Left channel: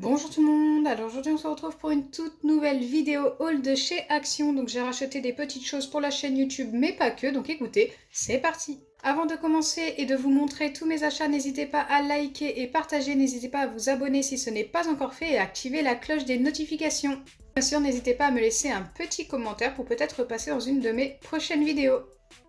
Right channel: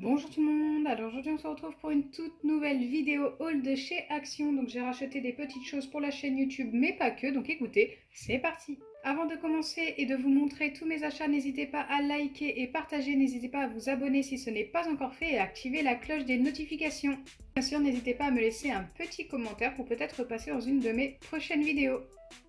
Bonjour tout le monde, alors aujourd'hui on se retrouve pour une toute nouvelle vidéo haul de chez Action. Donc j'ai racheté des petites choses pour la chaîne YouTube mais pas que, donc écoutez, c'est parti. Avant de commencer et de vous montrer tous mes achats, n'hésitez pas à liker et partager, n'hésitez pas à vous abonner si ce n'est pas encore fait et à activer la cloche des notifications. Bien sûr, n'hésitez pas à me laisser un petit commentaire pour peut-être passer dans une de mes prochaines vidéos.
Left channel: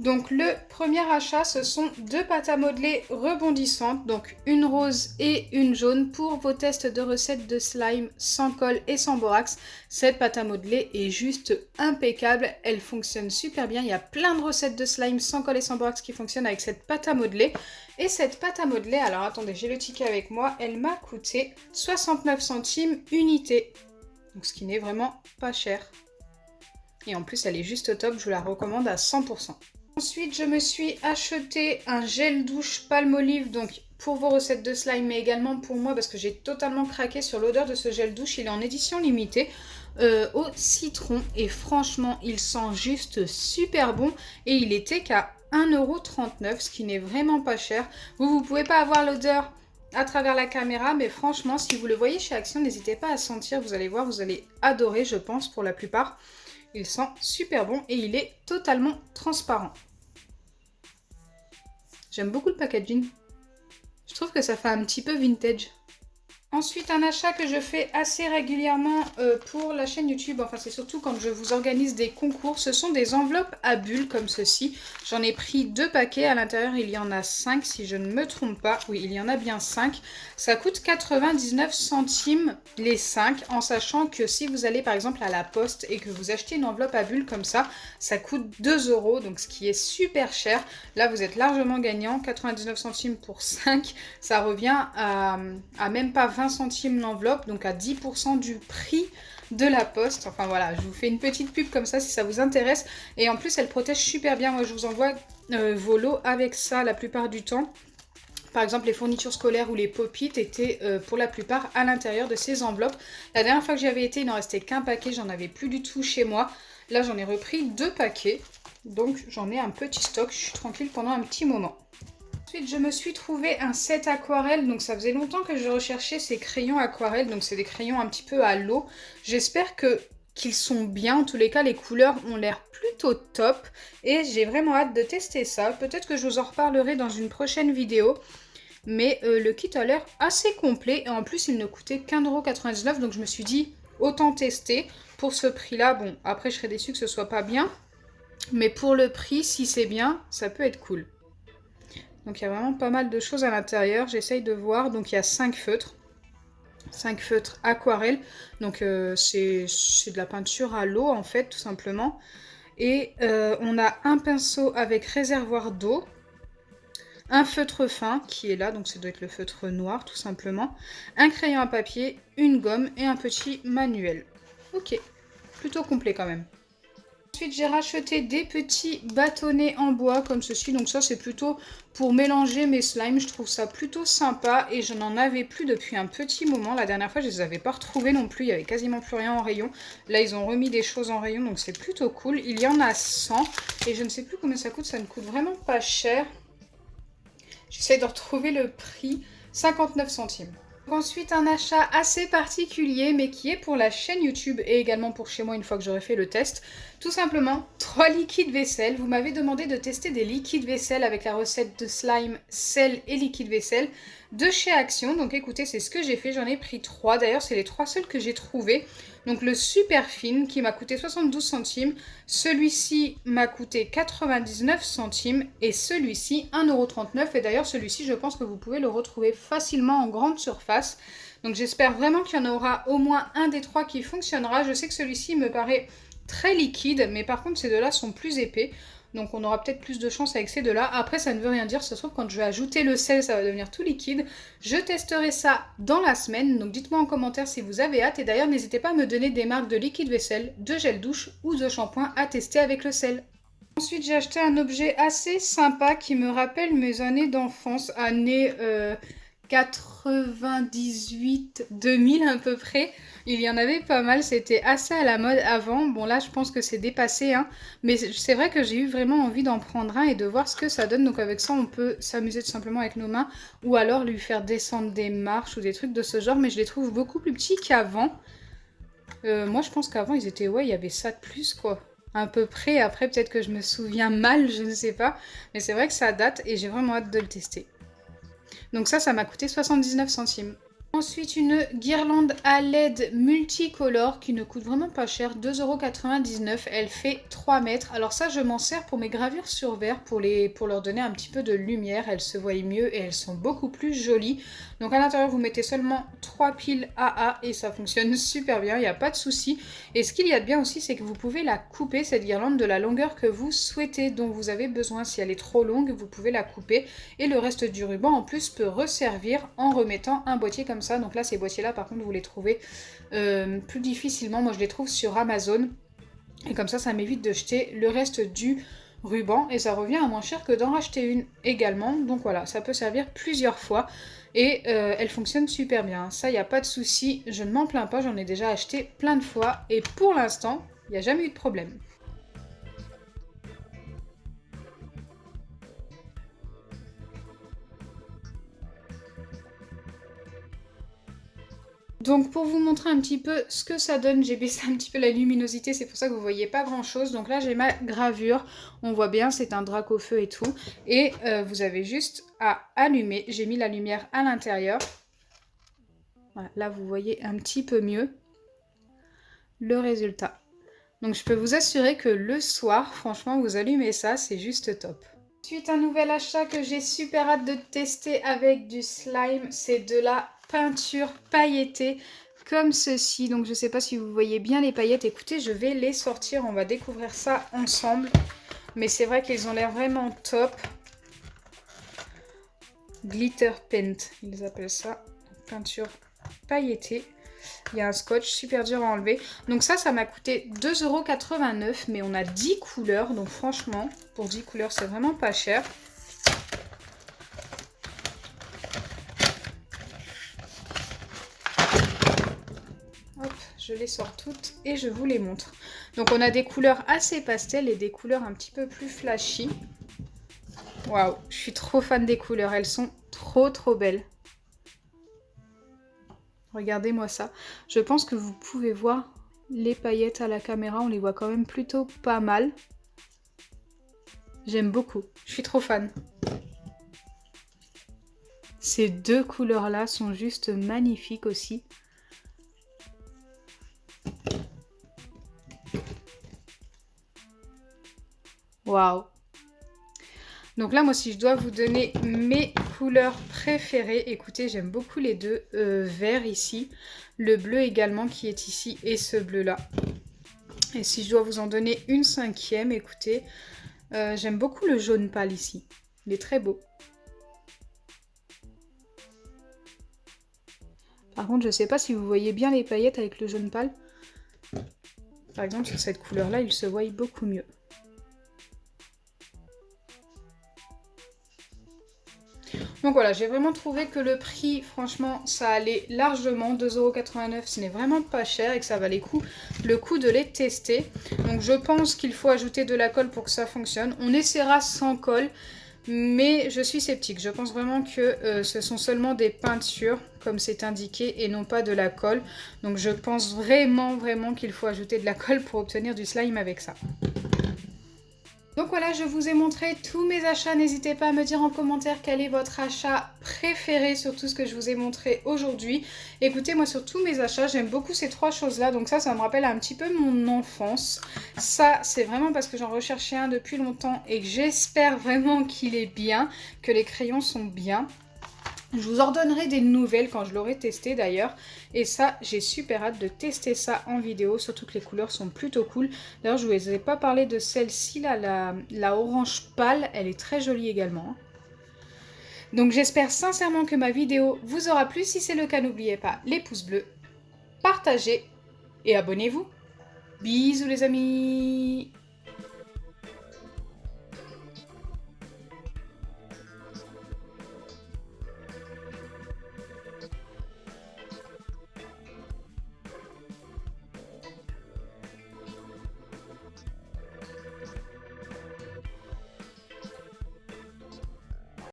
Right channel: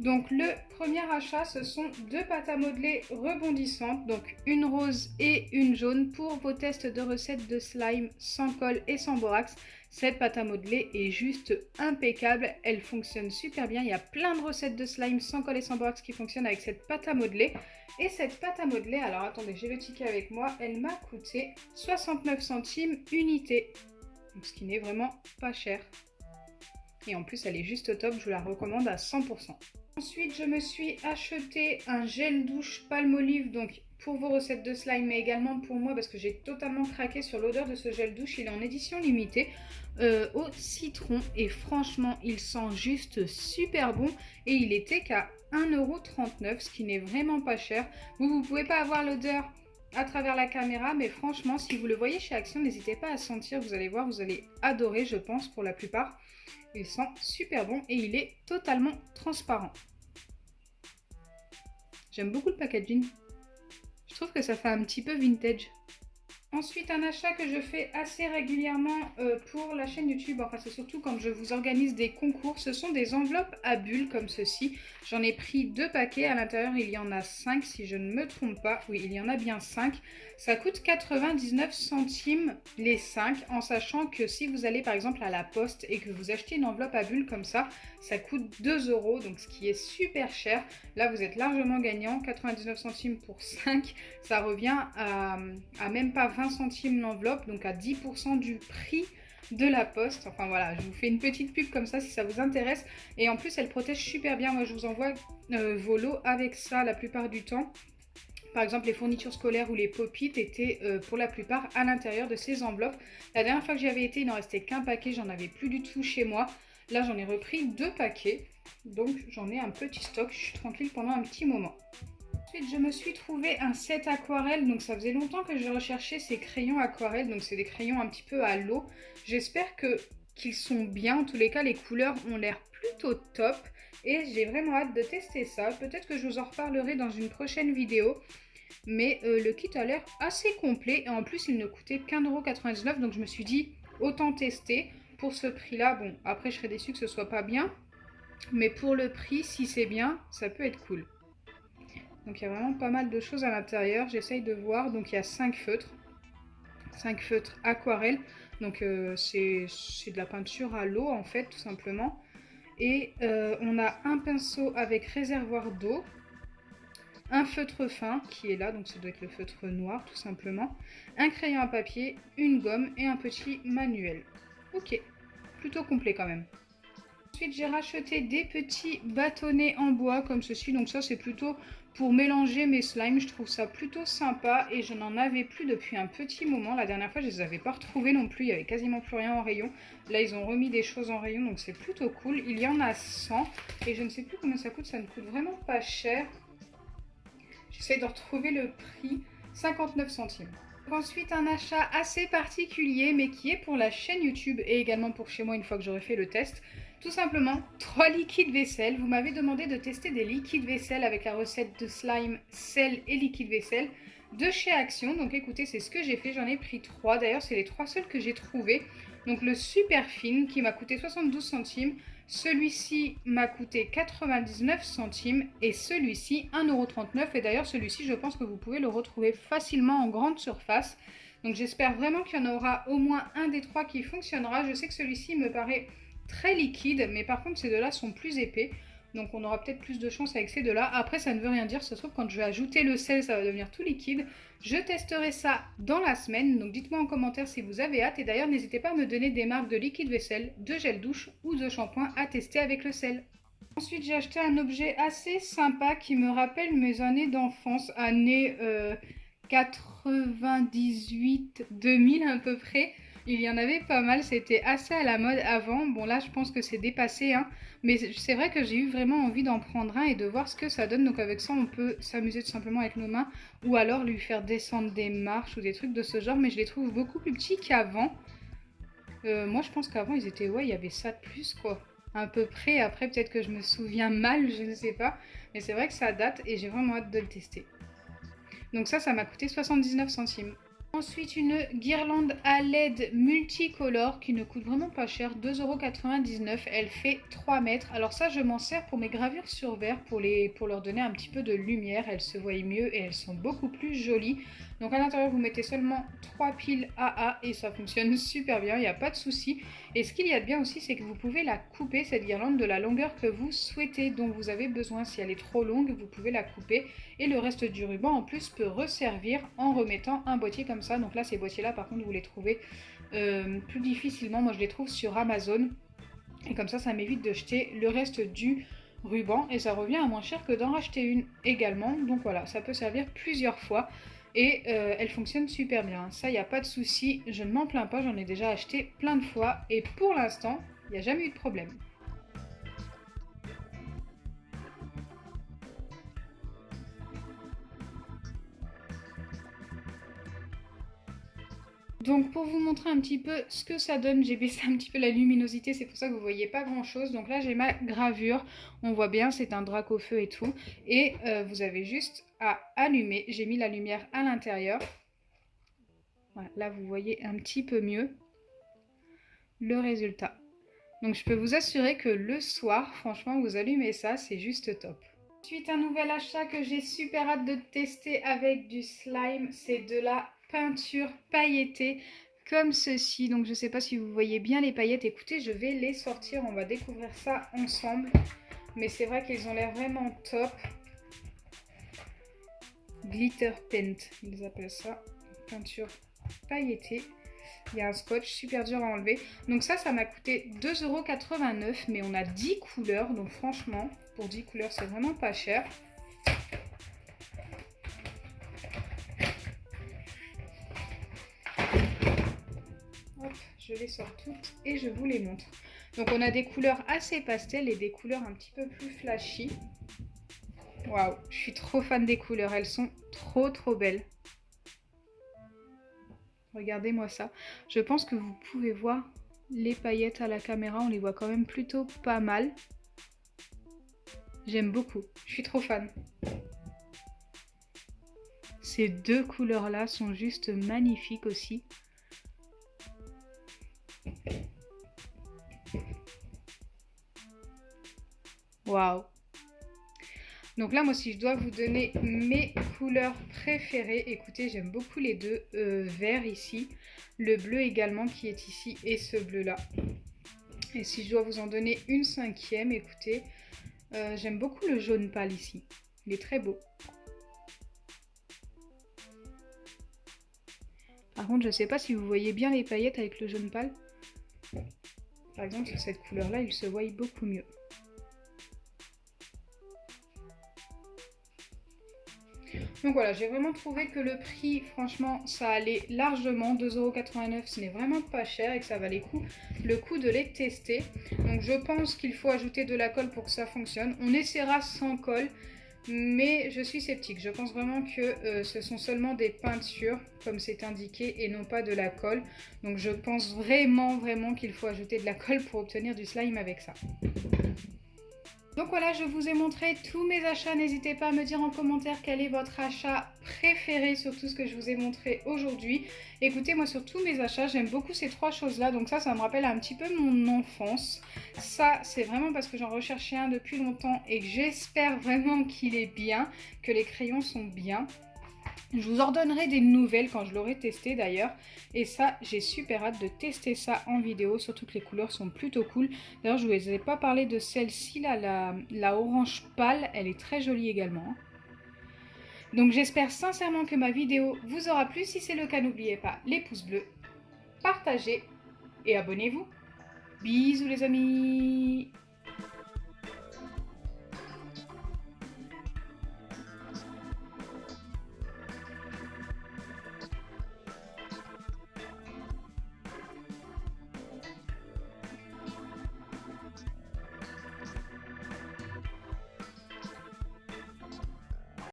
Donc le premier achat, ce sont deux pâtes à modeler rebondissantes, donc une rose et une jaune pour vos tests de recettes de slime sans colle et sans borax. Cette pâte à modeler est juste impeccable, elle fonctionne super bien. Il y a plein de recettes de slime sans colle et sans borax qui fonctionnent avec cette pâte à modeler. Et cette pâte à modeler, alors attendez, j'ai le ticket avec moi, elle m'a coûté 69 centimes unité. Donc ce qui n'est vraiment pas cher. Et en plus, elle est juste top, je vous la recommande à 100%. Ensuite, je me suis acheté un gel douche Palmolive, donc pour vos recettes de slime, mais également pour moi, parce que j'ai totalement craqué sur l'odeur de ce gel douche. Il est en édition limitée au citron, et franchement, il sent juste super bon. Et il était qu'à 1,39 €, ce qui n'est vraiment pas cher. Vous pouvez pas avoir l'odeur à travers la caméra, mais franchement, si vous le voyez chez Action, n'hésitez pas à sentir, vous allez voir, vous allez adorer, je pense, pour la plupart. Il sent super bon et il est totalement transparent. J'aime beaucoup le packaging. Je trouve que ça fait un petit peu vintage. Ensuite, un achat que je fais assez régulièrement pour la chaîne YouTube, enfin c'est surtout quand je vous organise des concours, ce sont des enveloppes à bulles comme ceci. J'en ai pris 2 paquets, à l'intérieur il y en a 5 si je ne me trompe pas. Oui, il y en a bien 5. Ça coûte 99 centimes les 5, en sachant que si vous allez par exemple à la poste et que vous achetez une enveloppe à bulles comme ça coûte 2 €, donc ce qui est super cher. Là vous êtes largement gagnant, 99 centimes pour 5, ça revient à même pas 20 centimes l'enveloppe, donc à 10% du prix de la poste. Enfin voilà, je vous fais une petite pub comme ça si ça vous intéresse. Et en plus, elle protège super bien. Moi, je vous envoie vos lots avec ça la plupart du temps. Par exemple, les fournitures scolaires ou les pop-it étaient pour la plupart à l'intérieur de ces enveloppes. La dernière fois que j'avais été, il n'en restait qu'un paquet, j'en avais plus du tout chez moi. Là, j'en ai repris 2 paquets, donc j'en ai un petit stock, je suis tranquille pendant un petit moment. Ensuite, je me suis trouvé un set aquarelle, donc ça faisait longtemps que je recherchais ces crayons aquarelle, donc c'est des crayons un petit peu à l'eau. J'espère qu'ils sont bien, en tous les cas les couleurs ont l'air plutôt top et j'ai vraiment hâte de tester ça. Peut-être que je vous en reparlerai dans une prochaine vidéo, mais le kit a l'air assez complet et en plus il ne coûtait qu'1,99 €, donc je me suis dit autant tester. Pour ce prix-là, bon après je serais déçue que ce soit pas bien, mais pour le prix, si c'est bien, ça peut être cool. Donc il y a vraiment pas mal de choses à l'intérieur, j'essaye de voir. Donc il y a 5 feutres. 5 feutres aquarelle. Donc c'est de la peinture à l'eau en fait, tout simplement. Et on a un pinceau avec réservoir d'eau. Un feutre fin qui est là, donc ça doit être le feutre noir tout simplement. Un crayon à papier, une gomme et un petit manuel. Ok, plutôt complet quand même. Ensuite, j'ai racheté des petits bâtonnets en bois comme ceci. Donc ça, c'est plutôt pour mélanger mes slimes. Je trouve ça plutôt sympa et je n'en avais plus depuis un petit moment. La dernière fois, je les avais pas retrouvés non plus. Il y avait quasiment plus rien en rayon. Là, ils ont remis des choses en rayon, donc c'est plutôt cool. Il y en a 100 et je ne sais plus combien ça coûte. Ça ne coûte vraiment pas cher. J'essaie de retrouver le prix. 59 centimes. Ensuite, un achat assez particulier, mais qui est pour la chaîne YouTube et également pour chez moi une fois que j'aurai fait le test. Tout simplement, 3 liquides vaisselle. Vous m'avez demandé de tester des liquides vaisselle avec la recette de slime, sel et liquide vaisselle de chez Action. Donc écoutez, c'est ce que j'ai fait. J'en ai pris 3. D'ailleurs, c'est les 3 seuls que j'ai trouvés. Donc le super fine qui m'a coûté 72 centimes. Celui-ci m'a coûté 99 centimes et celui-ci 1,39 €. Et d'ailleurs, celui-ci, je pense que vous pouvez le retrouver facilement en grande surface. Donc j'espère vraiment qu'il y en aura au moins un des 3 qui fonctionnera. Je sais que celui-ci me paraît très liquide, mais par contre ces deux-là sont plus épais. Donc on aura peut-être plus de chance avec ces deux-là. Après, ça ne veut rien dire, ça se trouve quand je vais ajouter le sel, ça va devenir tout liquide. Je testerai ça dans la semaine, donc dites-moi en commentaire si vous avez hâte. Et d'ailleurs, n'hésitez pas à me donner des marques de liquide vaisselle, de gel douche ou de shampoing à tester avec le sel. Ensuite, j'ai acheté un objet assez sympa qui me rappelle mes années d'enfance, années 98, 2000 à peu près. Il y en avait pas mal, c'était assez à la mode avant. Bon là je pense que c'est dépassé, hein. Mais c'est vrai que j'ai eu vraiment envie d'en prendre un et de voir ce que ça donne. Donc avec ça on peut s'amuser tout simplement avec nos mains ou alors lui faire descendre des marches ou des trucs de ce genre. Mais je les trouve beaucoup plus petits qu'avant. Moi je pense qu'avant ils étaient, ouais, il y avait ça de plus quoi. À peu près, après peut-être que je me souviens mal, je ne sais pas. Mais c'est vrai que ça date et j'ai vraiment hâte de le tester. Donc ça m'a coûté 79 centimes. Ensuite, une guirlande à LED multicolore qui ne coûte vraiment pas cher, 2,99 €. Elle fait 3 mètres. Alors ça, je m'en sers pour mes gravures sur verre, pour leur donner un petit peu de lumière. Elles se voient mieux et elles sont beaucoup plus jolies. Donc à l'intérieur, vous mettez seulement 3 piles AA et ça fonctionne super bien, il n'y a pas de souci. Et ce qu'il y a de bien aussi, c'est que vous pouvez la couper, cette guirlande, de la longueur que vous souhaitez, dont vous avez besoin. Si elle est trop longue, vous pouvez la couper. Et le reste du ruban, en plus, peut resservir en remettant un boîtier comme ça. Donc là, ces boîtiers-là, par contre, vous les trouvez plus difficilement. Moi, je les trouve sur Amazon. Et comme ça m'évite de jeter le reste du ruban. Et ça revient à moins cher que d'en racheter une également. Donc voilà, ça peut servir plusieurs fois. Et elle fonctionne super bien. Ça, il n'y a pas de souci. Je ne m'en plains pas. J'en ai déjà acheté plein de fois. Et pour l'instant, il n'y a jamais eu de problème. Donc pour vous montrer un petit peu ce que ça donne, j'ai baissé un petit peu la luminosité, c'est pour ça que vous voyez pas grand chose. Donc là j'ai ma gravure, on voit bien c'est un drac au feu et tout. Et vous avez juste à allumer, j'ai mis la lumière à l'intérieur. Voilà, là vous voyez un petit peu mieux le résultat. Donc je peux vous assurer que le soir, franchement vous allumez ça, c'est juste top. Ensuite, un nouvel achat que j'ai super hâte de tester avec du slime, c'est de la peinture pailletée comme ceci. Donc je ne sais pas si vous voyez bien les paillettes. Écoutez, je vais les sortir, on va découvrir ça ensemble. Mais c'est vrai qu'ils ont l'air vraiment top. Glitter paint, ils appellent ça. Peinture pailletée. Il y a un scotch super dur à enlever. Donc ça m'a coûté 2,89 €, mais on a 10 couleurs. Donc franchement, pour 10 couleurs, c'est vraiment pas cher. Hop, je les sors toutes et je vous les montre. Donc on a des couleurs assez pastel et des couleurs un petit peu plus flashy. Waouh, je suis trop fan des couleurs. Elles sont trop belles. Regardez-moi ça. Je pense que vous pouvez voir les paillettes à la caméra. On les voit quand même plutôt pas mal. J'aime beaucoup. Je suis trop fan. Ces deux couleurs-là sont juste magnifiques aussi. Waouh! Donc là, moi, si je dois vous donner mes couleurs préférées, écoutez, j'aime beaucoup les deux verts ici, le bleu également qui est ici et ce bleu-là. Et si je dois vous en donner une cinquième, écoutez, j'aime beaucoup le jaune pâle ici. Il est très beau. Par contre, je ne sais pas si vous voyez bien les paillettes avec le jaune pâle. Par exemple, sur cette couleur-là, il se voit beaucoup mieux. Donc voilà, j'ai vraiment trouvé que le prix, franchement, ça allait largement. 2,89 €, ce n'est vraiment pas cher et que ça valait le coup de les tester. Donc je pense qu'il faut ajouter de la colle pour que ça fonctionne. On essaiera sans colle, mais je suis sceptique. Je pense vraiment que ce sont seulement des peintures, comme c'est indiqué, et non pas de la colle. Donc je pense vraiment qu'il faut ajouter de la colle pour obtenir du slime avec ça. Donc voilà, je vous ai montré tous mes achats. N'hésitez pas à me dire en commentaire quel est votre achat préféré sur tout ce que je vous ai montré aujourd'hui. Écoutez, moi sur tous mes achats, j'aime beaucoup ces trois choses-là. Donc ça me rappelle un petit peu mon enfance. Ça, c'est vraiment parce que j'en recherchais un depuis longtemps et que j'espère vraiment qu'il est bien, que les crayons sont bien. Je vous en donnerai des nouvelles quand je l'aurai testé d'ailleurs. Et ça, j'ai super hâte de tester ça en vidéo. Surtout que les couleurs sont plutôt cool. D'ailleurs, je ne vous ai pas parlé de celle-ci là, la orange pâle. Elle est très jolie également. Donc j'espère sincèrement que ma vidéo vous aura plu. Si c'est le cas, n'oubliez pas les pouces bleus, partagez et abonnez-vous. Bisous les amis!